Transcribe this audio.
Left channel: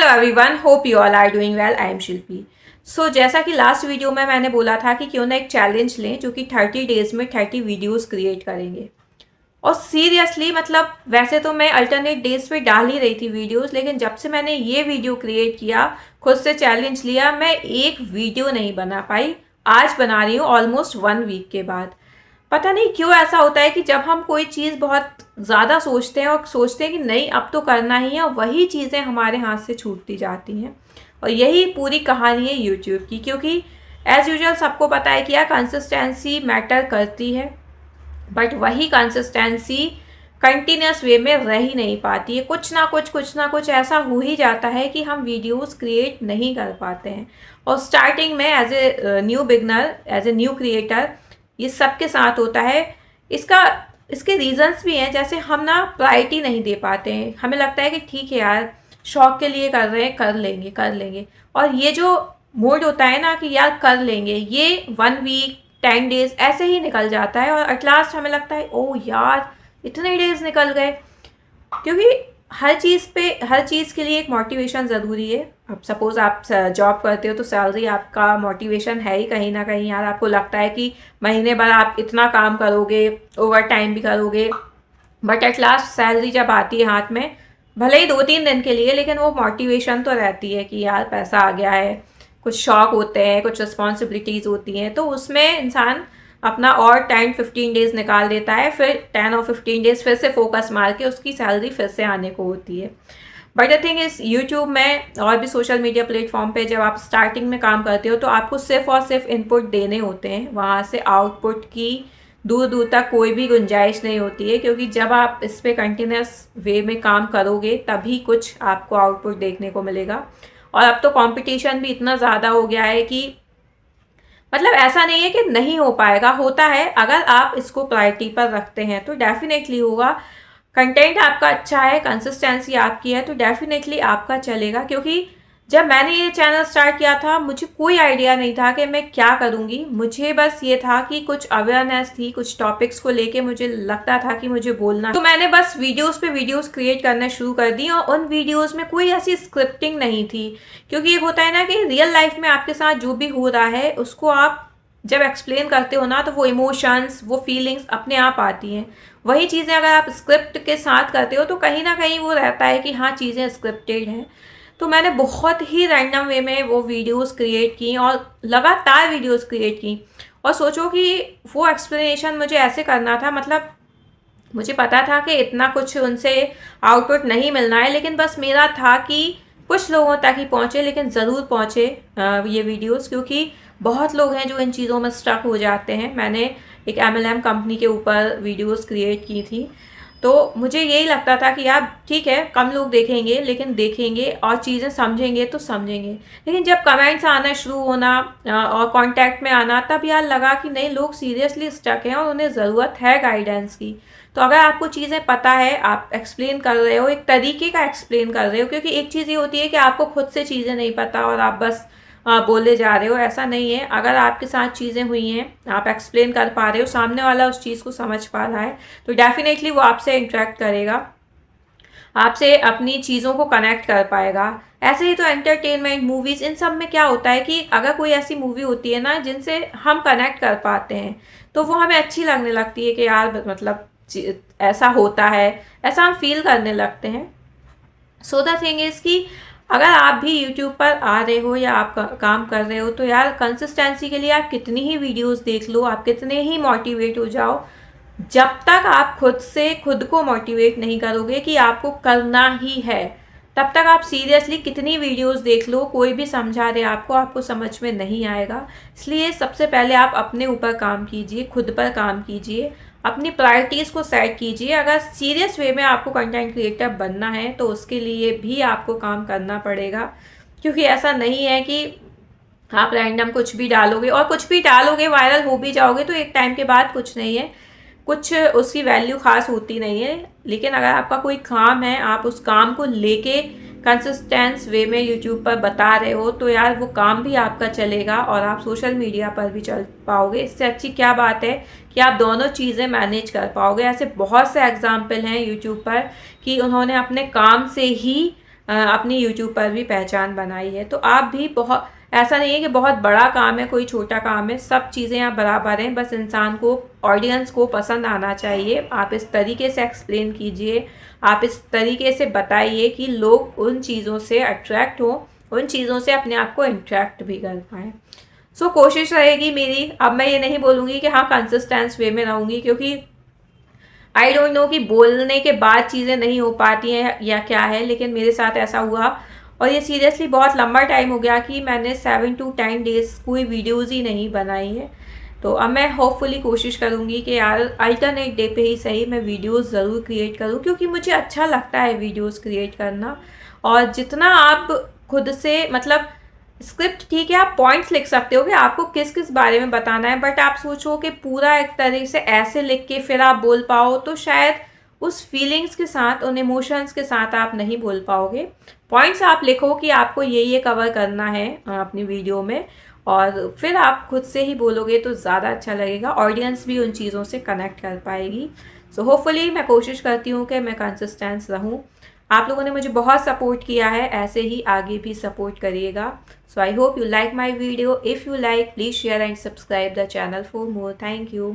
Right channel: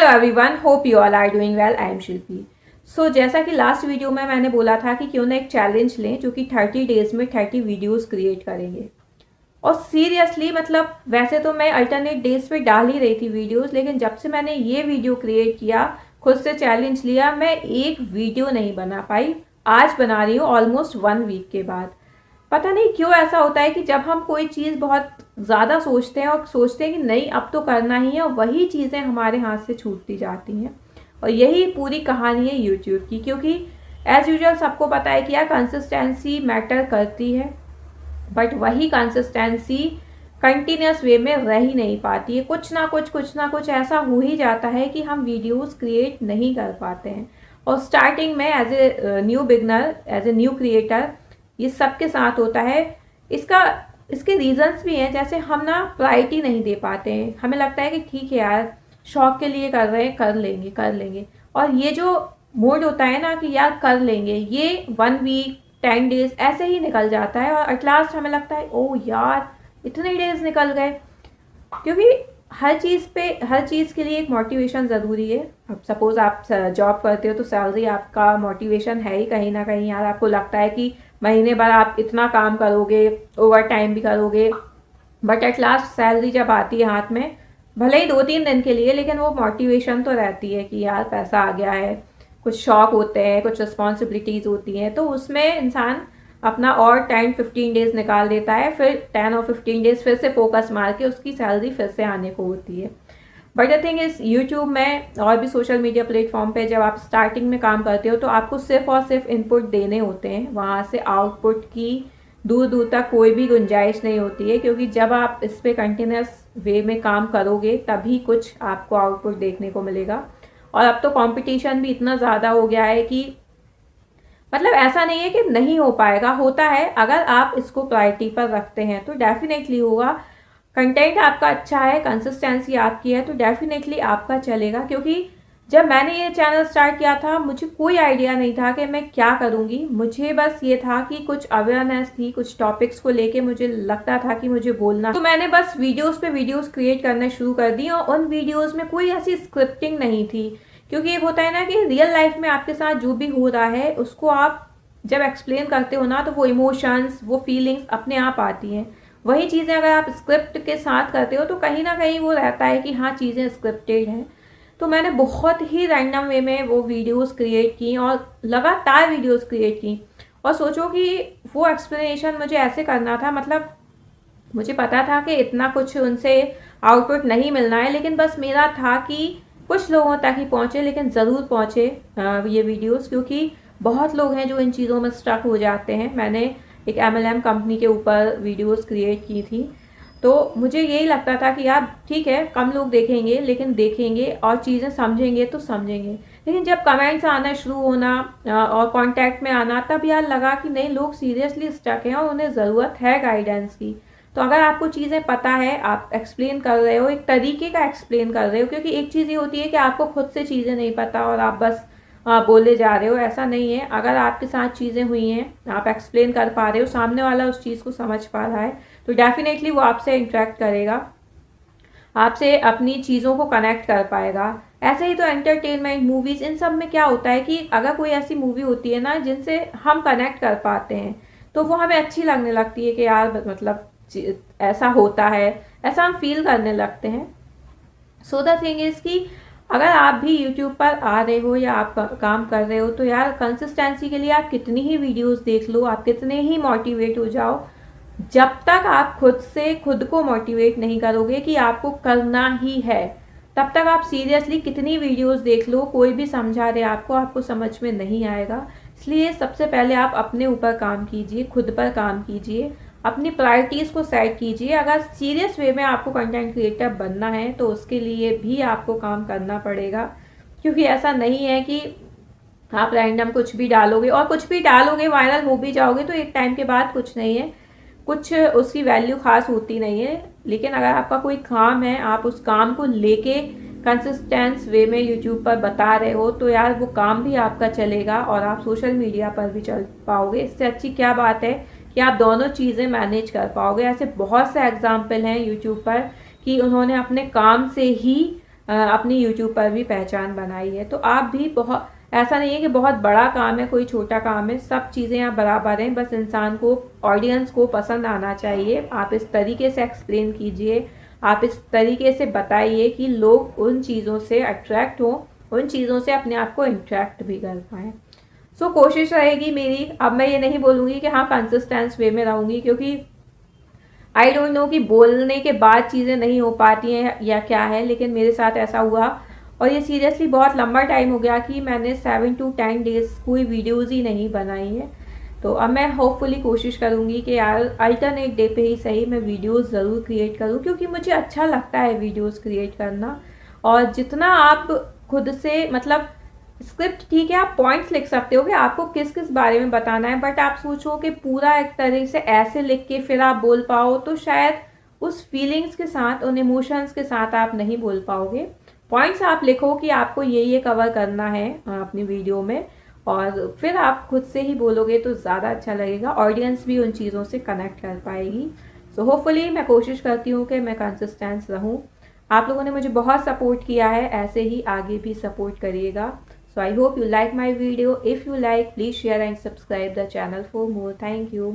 Hello everyone, hope you all are doing well. I am Shilpi. So जैसा कि last video में मैंने बोला था कि क्यों ना एक चैलेंज लें जो कि 30 डेज में 30 वीडियोस क्रिएट करेंगे। और सीरियसली मतलब वैसे तो मैं अल्टरनेट डेज पे डाल ही रही थी वीडियोस, लेकिन जब से मैंने ये वीडियो क्रिएट किया, खुद से चैलेंज लिया, मैं एक वीडियो नहीं बना पाई। आज बना रही हूँ ऑलमोस्ट 1 वीक के बाद। पता नहीं क्यों ऐसा होता है कि जब हम कोई चीज़ बहुत ज़्यादा सोचते हैं और सोचते हैं कि नहीं अब तो करना ही है, और वही चीज़ें हमारे हाथ से छूटती जाती हैं। और यही पूरी कहानी है यूट्यूब की, क्योंकि एज़ यूजुअल सबको पता है कि यार कंसिस्टेंसी मैटर करती है, बट वही कंसिस्टेंसी कंटिन्यूस वे में रह ही नहीं पाती है। कुछ ना कुछ ऐसा हो ही जाता है कि हम वीडियोस क्रिएट नहीं कर पाते हैं। और स्टार्टिंग में as a new beginner, as a new creator, ये सबके साथ होता है। इसका इसके रीजंस भी हैं, जैसे हम ना प्रायोरिटी नहीं दे पाते हैं। हमें लगता है कि ठीक है यार, शौक के लिए कर रहे हैं, कर लेंगे। और ये जो मूड होता है ना कि यार कर लेंगे, ये 1 वीक 10 डेज ऐसे ही निकल जाता है। और एट लास्ट हमें लगता है ओ यार इतने डेज निकल गए। क्योंकि हर चीज़ के लिए एक मोटिवेशन ज़रूरी है। अब सपोज़ आप जॉब करते हो तो सैलरी आपका मोटिवेशन है ही कहीं ना कहीं। यार आपको लगता है कि महीने भर आप इतना काम करोगे, ओवर टाइम भी करोगे, बट एट लास्ट सैलरी जब आती है हाथ में, भले ही 2-3 दिन के लिए, लेकिन वो मोटिवेशन तो रहती है कि यार पैसा आ गया है। कुछ शौक होते हैं, कुछ रिस्पॉन्सिबिलिटीज़ होती हैं, तो उसमें इंसान अपना और 10-15 डेज निकाल देता है। फिर 10 और 15 डेज फिर से फोकस मार के उसकी सैलरी फिर से आने को होती है। But the thing is YouTube में और भी सोशल मीडिया प्लेटफॉर्म पे जब आप स्टार्टिंग में काम करते हो तो आपको सिर्फ और सिर्फ इनपुट देने होते हैं। वहाँ से आउटपुट की दूर दूर तक कोई भी गुंजाइश नहीं होती है, क्योंकि जब आप इस पर कंटिन्यूस वे में काम करोगे तभी कुछ आपको आउटपुट देखने को मिलेगा। और अब तो कंपटीशन भी इतना ज़्यादा हो गया है कि मतलब ऐसा नहीं है कि नहीं हो पाएगा, होता है। अगर आप इसको प्रायोरिटी पर रखते हैं तो डेफिनेटली होगा। कंटेंट आपका अच्छा है, कंसिस्टेंसी आपकी है, तो डेफिनेटली आपका चलेगा। क्योंकि जब मैंने ये चैनल स्टार्ट किया था मुझे कोई आइडिया नहीं था कि मैं क्या करूँगी। मुझे बस ये था कि कुछ अवेयरनेस थी, कुछ टॉपिक्स को लेके मुझे लगता था कि मुझे बोलना, तो मैंने बस वीडियोस पे वीडियोस क्रिएट करना शुरू कर दी। और उन वीडियोस में कोई ऐसी स्क्रिप्टिंग नहीं थी, क्योंकि एक होता है ना कि रियल लाइफ में आपके साथ जो भी हो रहा है उसको आप जब एक्सप्लेन करते हो ना, तो वो इमोशंस, वो फीलिंग्स अपने आप आती हैं। वही चीज़ें अगर आप स्क्रिप्ट के साथ करते हो तो कहीं ना कहीं वो रहता है कि हाँ चीज़ें स्क्रिप्टेड हैं। तो मैंने बहुत ही रैंडम वे में वो वीडियोस क्रिएट की और लगातार वीडियोस क्रिएट की। और सोचो कि वो एक्सप्लेनेशन मुझे ऐसे करना था, मतलब मुझे पता था कि इतना कुछ उनसे आउटपुट नहीं मिलना है, लेकिन बस मेरा था कि कुछ लोगों तक ही पहुँचे, लेकिन ज़रूर पहुँचे ये वीडियोस। क्योंकि बहुत लोग हैं जो इन चीज़ों में स्टक हो जाते हैं। मैंने एक MLM कंपनी के ऊपर वीडियोस क्रिएट की थी, तो मुझे यही लगता था कि यार ठीक है कम लोग देखेंगे, लेकिन देखेंगे और चीज़ें समझेंगे तो समझेंगे। लेकिन जब कमेंट्स आना शुरू होना और कांटेक्ट में आना, तब यार लगा कि नहीं, लोग सीरियसली स्टक हैं और उन्हें ज़रूरत है गाइडेंस की। तो अगर आपको चीज़ें पता है, आप एक्सप्लेन कर रहे हो, एक तरीके का एक्सप्लेन कर रहे हो, क्योंकि एक चीज़ ये होती है कि आपको खुद से चीज़ें नहीं पता और आप बस बोले जा रहे हो, ऐसा नहीं है। अगर आपके साथ चीज़ें हुई हैं, आप एक्सप्लेन कर पा रहे हो, सामने वाला उस चीज़ को समझ पा रहा है, तो डेफिनेटली वो आपसे इंटरेक्ट करेगा, आपसे अपनी चीज़ों को कनेक्ट कर पाएगा। ऐसे ही तो एंटरटेनमेंट, मूवीज़, इन सब में क्या होता है कि अगर कोई ऐसी मूवी होती है ना जिनसे हम कनेक्ट कर पाते हैं, तो वो हमें अच्छी लगने लगती है कि यार मतलब ऐसा होता है, ऐसा हम फील करने लगते हैं। सो द थिंग इज़ कि अगर आप भी यूट्यूब पर आ रहे हो या आप काम कर रहे हो, तो यार कंसिस्टेंसी के लिए आप कितनी ही वीडियोस देख लो, आप कितने ही मोटिवेट हो जाओ, जब तक आप खुद से खुद को मोटिवेट नहीं करोगे कि आपको करना ही है, तब तक आप सीरियसली कितनी वीडियोस देख लो, कोई भी समझा रहे आपको समझ में नहीं आएगा। इसलिए सबसे पहले आप अपने ऊपर काम कीजिए, खुद पर काम कीजिए, अपनी प्रायोरिटीज़ को सेट कीजिए। अगर सीरियस वे में आपको कंटेंट क्रिएटर बनना है तो उसके लिए भी आपको काम करना पड़ेगा। क्योंकि ऐसा नहीं है कि आप रैंडम कुछ भी डालोगे, और कुछ भी डालोगे वायरल हो भी जाओगे तो एक टाइम के बाद कुछ नहीं है, कुछ उसकी वैल्यू खास होती नहीं है। लेकिन अगर आपका कोई काम है, आप उस काम को लेके कंसिस्टेंस वे में यूट्यूब पर बता रहे हो, तो यार वो काम भी आपका चलेगा और आप सोशल मीडिया पर भी चल पाओगे। इससे अच्छी क्या बात है कि आप दोनों चीज़ें मैनेज कर पाओगे। ऐसे बहुत से एग्जाम्पल हैं यूट्यूब पर कि उन्होंने अपने काम से ही अपनी यूट्यूब पर भी पहचान बनाई है। तो आप भी बहुत, ऐसा नहीं है कि बहुत बड़ा काम है, कोई छोटा काम है, सब चीज़ें आप बराबर हैं, बस इंसान को, ऑडियंस को पसंद आना चाहिए। आप इस तरीके से एक्सप्लेन कीजिए, आप इस तरीके से बताइए कि लोग उन चीज़ों से अट्रैक्ट हो, उन चीज़ों से अपने आप को इंट्रैक्ट भी कर पाएँ। सो कोशिश रहेगी मेरी, अब मैं ये नहीं बोलूँगी कि हाँ कंसिस्टेंस वे में रहूँगी, क्योंकि आई डोंट नो कि बोलने के बाद चीज़ें नहीं हो पाती हैं या क्या है, लेकिन मेरे साथ ऐसा हुआ और ये सीरियसली बहुत लंबा टाइम हो गया कि मैंने 7 to 10 डेज़ कोई वीडियोज़ ही नहीं बनाई है। तो अब मैं होपफुली कोशिश करूँगी कि यार अल्टरनेट डे पे ही सही मैं वीडियोज़ ज़रूर क्रिएट करूँ, क्योंकि मुझे अच्छा लगता है वीडियोज़ क्रिएट करना। और जितना आप खुद से, मतलब स्क्रिप्ट ठीक है, आप पॉइंट्स लिख सकते हो कि आपको किस किस बारे में बताना है, बट आप सोचो कि पूरा एक तरह से ऐसे लिख के फिर आप बोल पाओ, तो शायद उस फीलिंग्स के साथ, उन इमोशंस के साथ आप नहीं बोल पाओगे। पॉइंट्स आप लिखो कि आपको ये कवर करना है अपनी वीडियो में, और फिर आप खुद से ही बोलोगे तो ज़्यादा अच्छा लगेगा, ऑडियंस भी उन चीज़ों से कनेक्ट कर पाएगी। सो होपफुली मैं कोशिश करती हूँ कि मैं कंसिस्टेंस रहूँ। आप लोगों ने मुझे बहुत सपोर्ट किया है, ऐसे ही आगे भी सपोर्ट करिएगा। So I hope you like my video. If you like, please share and subscribe the channel for more. Thank you.